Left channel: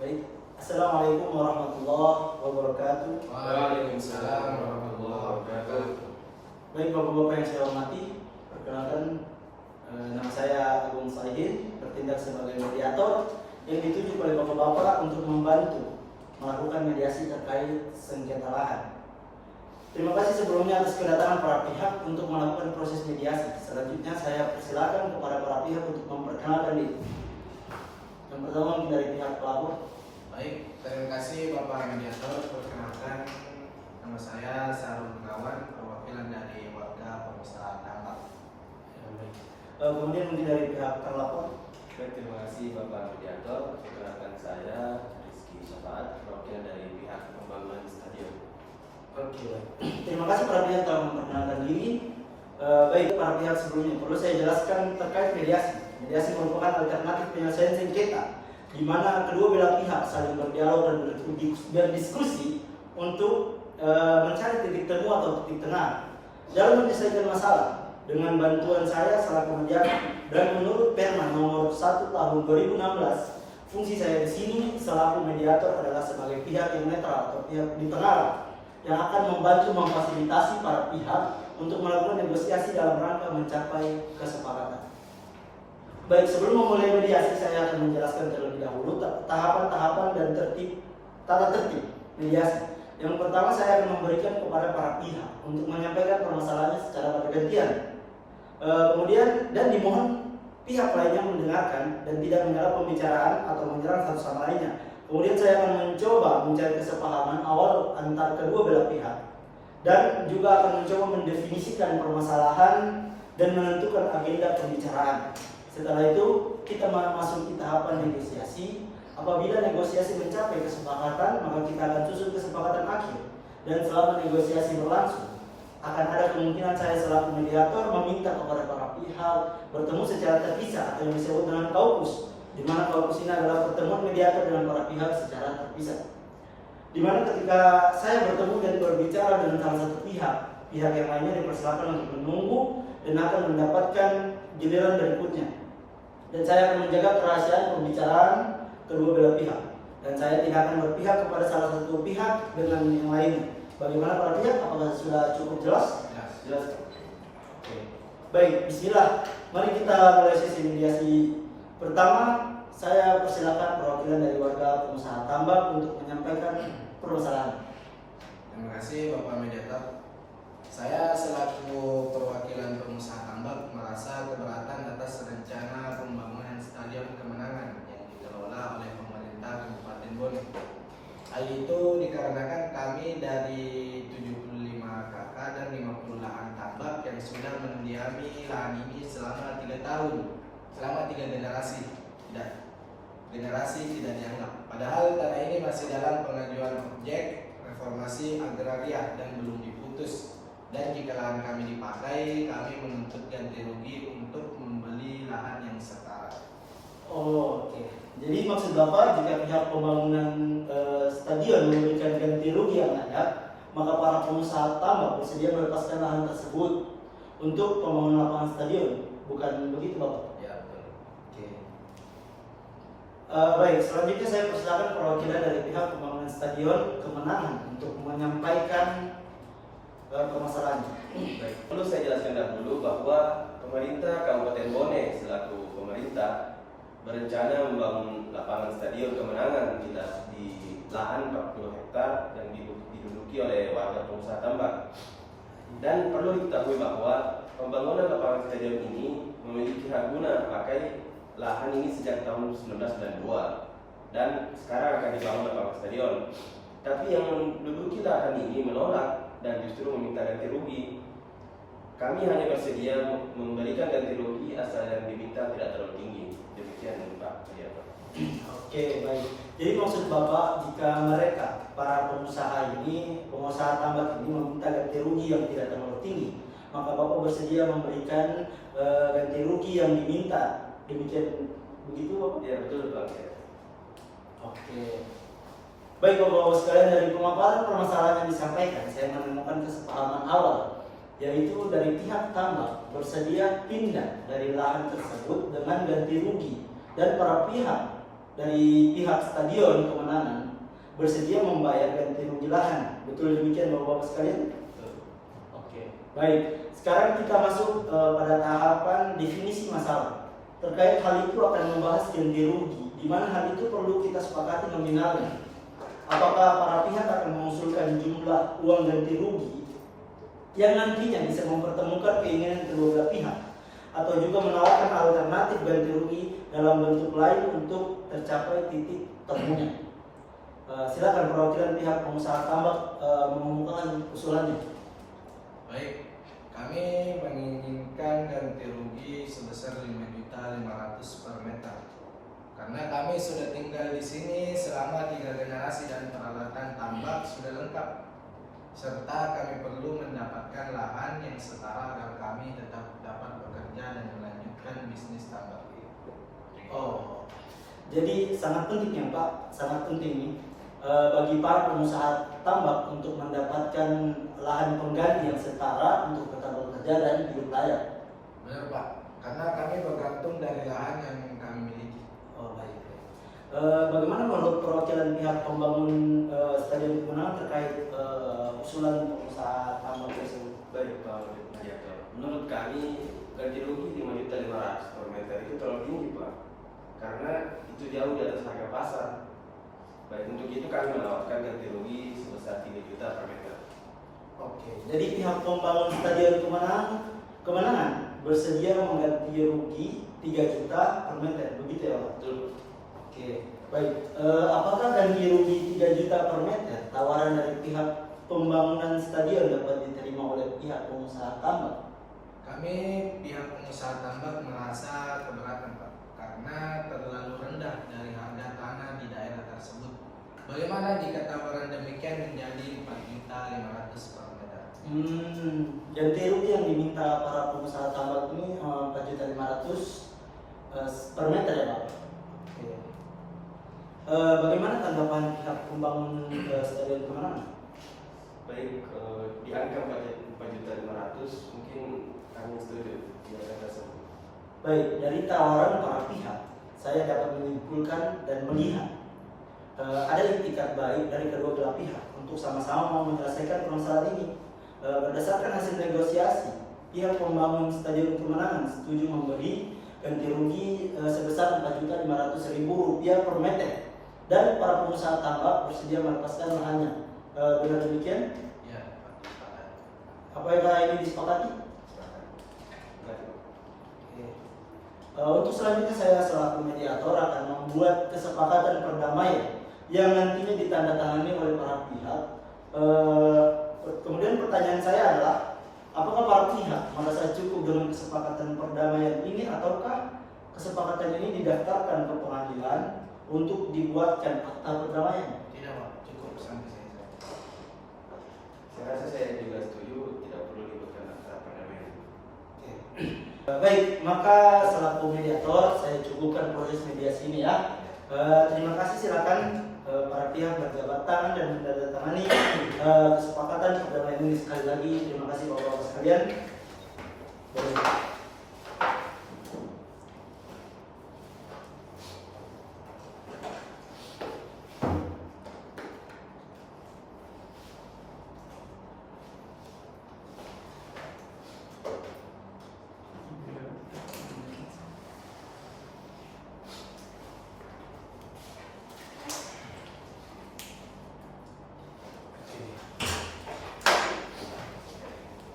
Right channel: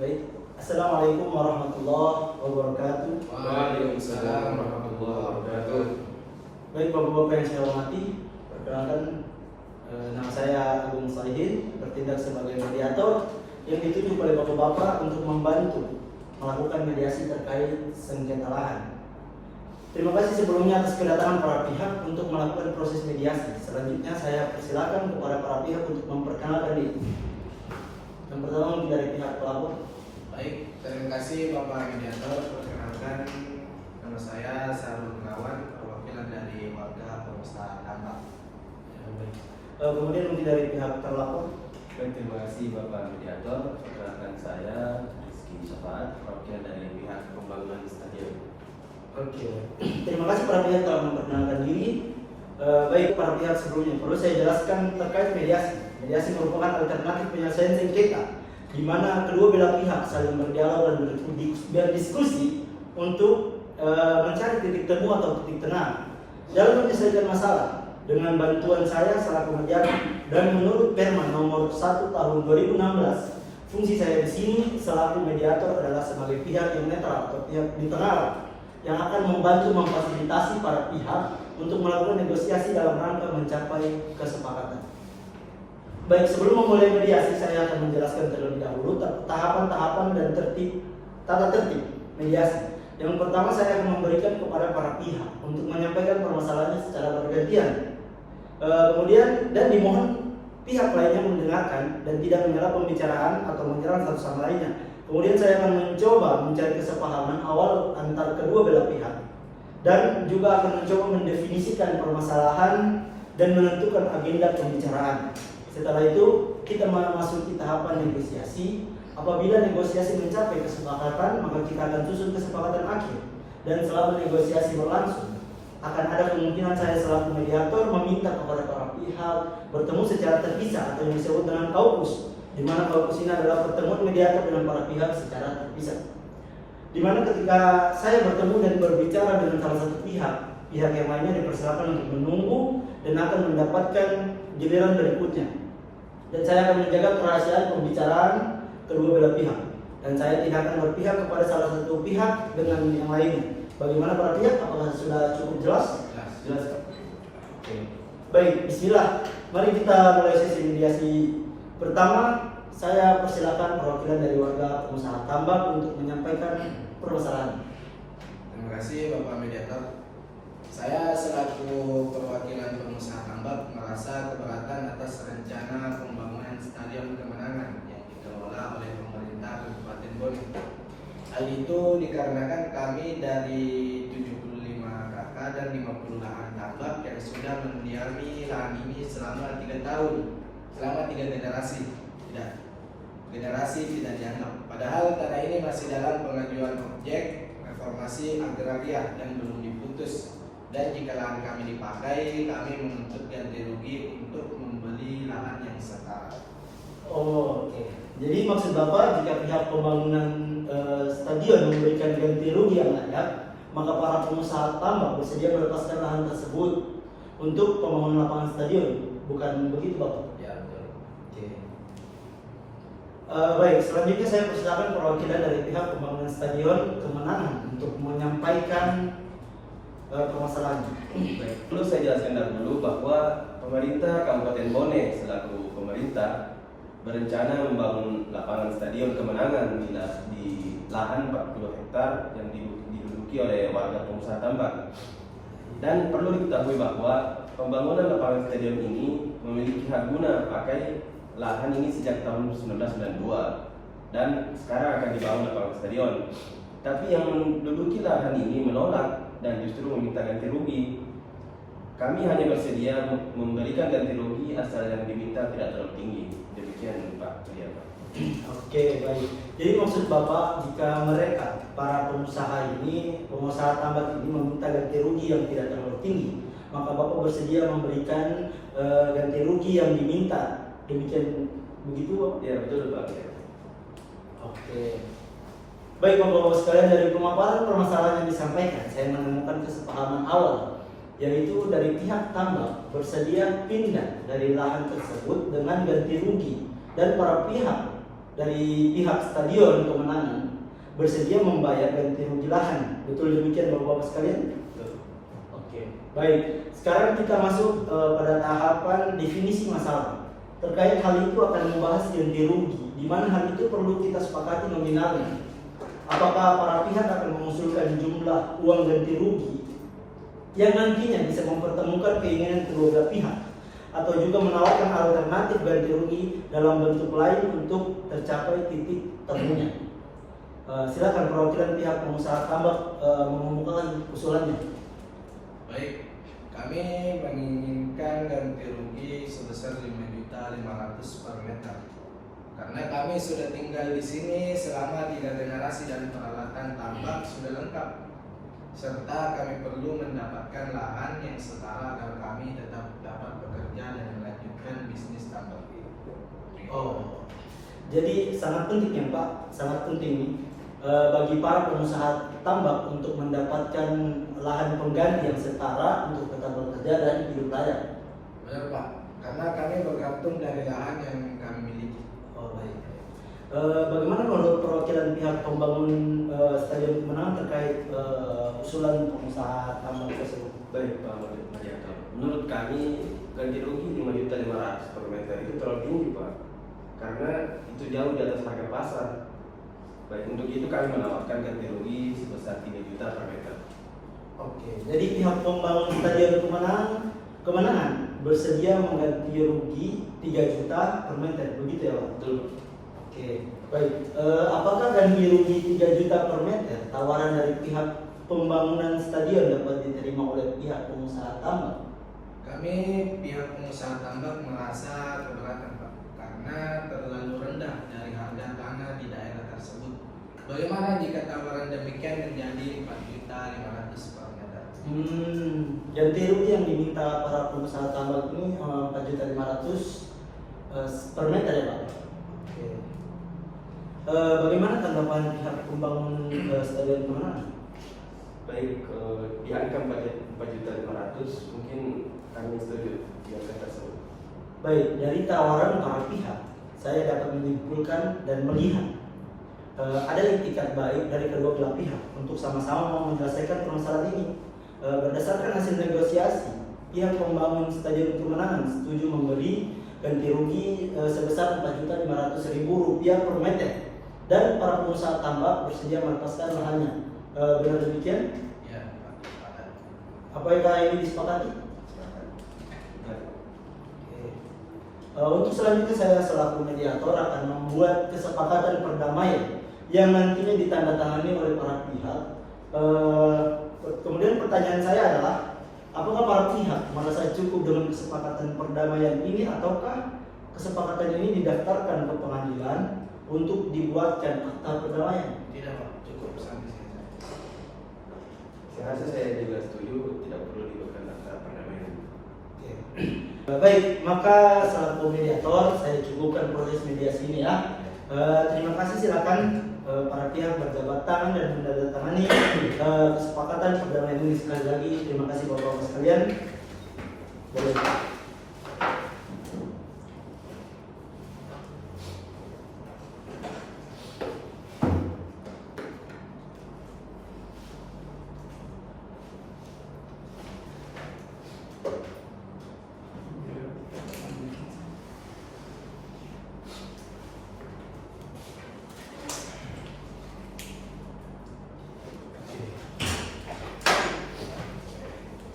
Baik, Assalamualaikum warahmatullahi wabarakatuh. Waalaikumsalam warahmatullahi wabarakatuh. Baik Bapak-Bapak yang saya hormati, perkenalkan nama saya Agung Saihin, bertindak sebagai mediator yang ditunjuk oleh Bapak-Bapak untuk membantu melakukan mediasi terkait sengketa lahan. Terima kasih sebelumnya atas kedatangan para pihak untuk melakukan proses mediasi. Selanjutnya saya persilakan kepada para pihak untuk memperkenalkan diri. Yang pertama mungkin dari pihak pelapor. Baik, terima kasih Bapak Mediator. Perkenalkan, nama saya Sarul Gunawan, perwakilan dari warga pengusaha tambak. Kemudian mungkin dari pihak terlapor. Terima kasih Bapak Mediator. Perkenalkan saya Rizky Syafaat, perwakilan dari pihak pembangunan stadion. Oke, terima kasih para pihak telah memperkenalkan diri. Baik para pihak sebelumnya, perlu saya jelaskan terkait mediasi. Mediasi merupakan alternatif penyelesaian sengketa, di mana kedua belah pihak saling berdialog dan berdiskusi untuk mencari titik temu atau titik tengah dalam menyelesaikan masalah. Dengan bantuan saya selaku mediator dan menurut Perma nomor 1 tahun 2016, fungsi saya di sini selaku mediator adalah sebagai pihak yang netral atau pihak di tengah yang akan membantu memfasilitasi para pihak untuk melakukan negosiasi dalam rangka mencapai kesepakatan. Baik, sebelum memulai mediasi saya akan menjelaskan terlebih dahulu tahapan-tahapan dan tata tertib mediasi. Yang pertama saya akan memberikan kepada para pihak untuk menyampaikan permasalahannya secara bergantian. Kemudian dan dimohon pihak lainnya mendengarkan dan tidak menyela pembicaraan atau menyerang satu sama lainnya. Kemudian saya akan mencoba mencari kesepahaman awal antar kedua belah pihak dan juga akan mencoba mendefinisikan permasalahan dan menentukan agenda pembicaraan. Setelah itu kita memasuki tahapan negosiasi. Apabila negosiasi mencapai kesepakatan, maka kita akan susun kesepakatan akhir. Dan selama negosiasi berlangsung, akan ada kemungkinan saya selaku mediator meminta kepada para pihak bertemu secara terpisah atau yang disebut dengan kaukus, di mana kaukus ini adalah pertemuan mediator dengan para pihak secara terpisah. Di mana ketika saya bertemu dan berbicara dengan salah satu pihak yang lainnya dipersilakan untuk menunggu dan akan mendapatkan giliran berikutnya. Dan saya akan menjaga kerahasiaan pembicaraan kedua belah pihak. Dan saya tidak akan berpihak kepada salah satu pihak dengan yang lainnya. Bagaimana para pihak? Apakah sudah cukup jelas? Jelas. Oke. Baik, bismillah. Mari kita mulai sesi mediasi. Pertama, saya persilakan perwakilan dari warga pengusaha tambak untuk menyampaikan permasalahan. Terima kasih Bapak Mediator. Saya selaku perwakilan pengusaha tambak merasa keberatan atas rencana pembangunan Stadion Kemenangan yang dikelola oleh pemerintah Kabupaten Bone. Hal itu dikarenakan kami dari 75 kakak dan 50 lahan tambak yang sudah mendiami lahan ini selama 3 tahun, selama 3 generasi. Generasi tidak dianggap. Padahal tanah ini masih dalam pengajuan objek reformasi agraria dan belum diputus. Dan jika lahan kami dipakai, kami menuntut ganti rugi untuk membeli lahan yang setara. Oh, oke. Jadi maksud Bapak jika pihak pembangunan stadion memberikan ganti rugi yang layak, maka para pengusaha tambak bersedia melepaskan lahan tersebut untuk pembangunan lapangan stadion, bukan begitu Bapak? Ya betul. Oke. Baik, selanjutnya saya persilakan perwakilan dari pihak pembangunan stadion Kemenangan untuk menyampaikan permasalahannya. Baik, perlu saya jelaskan dahulu bahwa pemerintah Kabupaten Bone selaku pemerintah berencana membangun lapangan stadion Kemenangan di lahan 40 hektar yang diduduki oleh warga pengusaha tambak. Dan perlu diketahui bahwa pembangunan lapangan stadion ini memiliki hak guna pakai lahan ini sejak tahun 1992 dan sekarang akan dibangun lapangan stadion. Tapi yang menduduki lahan ini menolak dan justru meminta ganti rugi. Kami hanya bersedia memberikan ganti rugi asal yang diminta tidak terlalu tinggi. Demikian Pak Mediator. Oke, baik. Jadi maksud Bapak jika mereka para pengusaha pengusaha tambak ini meminta ganti rugi yang tidak terlalu tinggi, maka Bapak bersedia memberikan ganti rugi yang diminta. Demikian begitu Bapak? Ya betul Pak. Oke. Baik Bapak-Bapak sekalian, dari pemaparan permasalahan yang disampaikan, saya menemukan kesepahaman awal, yaitu dari pihak tambak bersedia pindah dari lahan tersebut dengan ganti rugi, dan para pihak dari pihak Stadion Kemenangan bersedia membayar ganti rugi lahan. Betul demikian Bapak-Bapak sekalian? Oke, baik. Sekarang kita masuk pada tahapan definisi masalah. Terkait hal itu akan membahas ganti rugi, di mana hal itu perlu kita sepakati nominalnya. Apakah para pihak akan mengusulkan jumlah uang ganti rugi yang nantinya bisa mempertemukan keinginan kedua belah pihak, atau juga menawarkan alternatif ganti rugi dalam bentuk lain untuk tercapai titik temunya. Silakan perwakilan pihak pengusaha tambak mengumumkan usulannya. Baik, kami menginginkan ganti rugi sebesar 5.500.000 per meter. Karena kami sudah tinggal di sini selama 3 generasi dan peralatan tambak sudah lengkap, serta kami perlu mendapatkan lahan yang setara agar kami tetap dapat bekerja dan melanjutkan bisnis tambak ini. Oh, jadi sangat penting ya Pak, sangat penting nih bagi para pengusaha tambak untuk mendapatkan lahan pengganti yang setara untuk tetap bekerja dan hidup layak. Benar Pak, karena kami bergantung dari lahan yang kami miliki. Oh baik. Bagaimana menurut perwakilan pihak pembangun Stadion Kemenangan terkait usulan pengusaha tambak tersebut? Baik Pak Mariato, menurut kami ganti rugi 5.500.000 per meter itu terlalu tinggi Pak, karena itu jauh di atas harga pasar. Baik, untuk itu kami menawarkan ganti rugi sebesar 3 juta per meter. Oke, jadi pihak pembangun Stadion Kemenangan bersedia mengganti rugi 3 juta per meter, begitu ya Pak? Betul. Oke, baik. Apakah ganti rugi 3 juta per meter tawaran dari pihak pembangunan stadion dapat diterima oleh pihak pengusaha tambak? Kami pihak pengusaha tambak merasa keberatan Pak, karena terlalu rendah dari harga tanah di daerah tersebut. Bagaimana jika tawaran demikian menjadi 4.500.000 per meter? Ganti rugi yang diminta para pengusaha tambak ini 4.500.000 per meter ya Pak? Oke. Bagaimana tanggapan pihak pembangun Stadion Kemenangan? Baik, di angka 4.500.000 mungkin kami setuju di angka tersebut. Baik, dari tawaran para pihak, saya dapat menyimpulkan dan melihat ada itikat baik dari kedua belah pihak untuk sama-sama menyelesaikan permasalahan ini. Berdasarkan hasil negosiasi, pihak pembangun Stadion Kemenangan setuju memberi ganti rugi sebesar Rp4.500.000 per meter, dan para pengusaha tambak bersedia melepaskan lahannya. Dengan demikian, Ya, Pak, sepakat. apakah ini disepakati? Sepakat. Oke. Untuk selanjutnya saya selaku mediator akan membuat kesepakatan perdamaian yang nantinya ditandatangani oleh para pihak. Kemudian pertanyaan saya adalah, apakah para pihak merasa cukup dengan kesepakatan perdamaian ini, ataukah kesepakatan ini didaftarkan ke pengadilan untuk dibuatkan akta perdamaian? Tidak Pak, cukup sampai sini. Saya rasa saya juga setuju, tidak perlu dibuatkan akta perdamaian. Oke. Baik, maka selaku mediator saya cukupkan proses mediasi ini ya. Terima kasih, silakan para pihak berjabat tangan dan menandatangani kesepakatan perdamaian ini. Sekali lagi terima kasih Bapak-bapak sekalian. Boleh.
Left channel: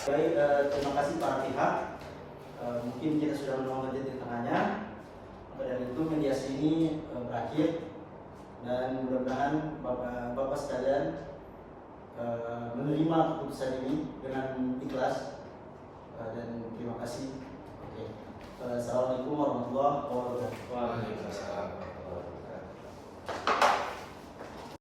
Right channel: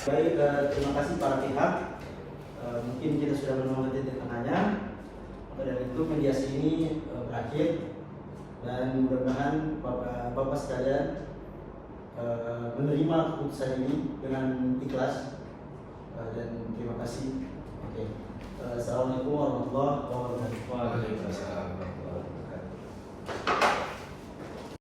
Baik, terima kasih para pihak. Mungkin kita sudah menemukan titik tengahnya. Maka dari itu mediasi ini berakhir, dan mudah-mudahan Bapak sekalian menerima keputusan ini dengan ikhlas, dan terima kasih. Oke. Assalamualaikum warahmatullahi wabarakatuh. Waalaikumsalam.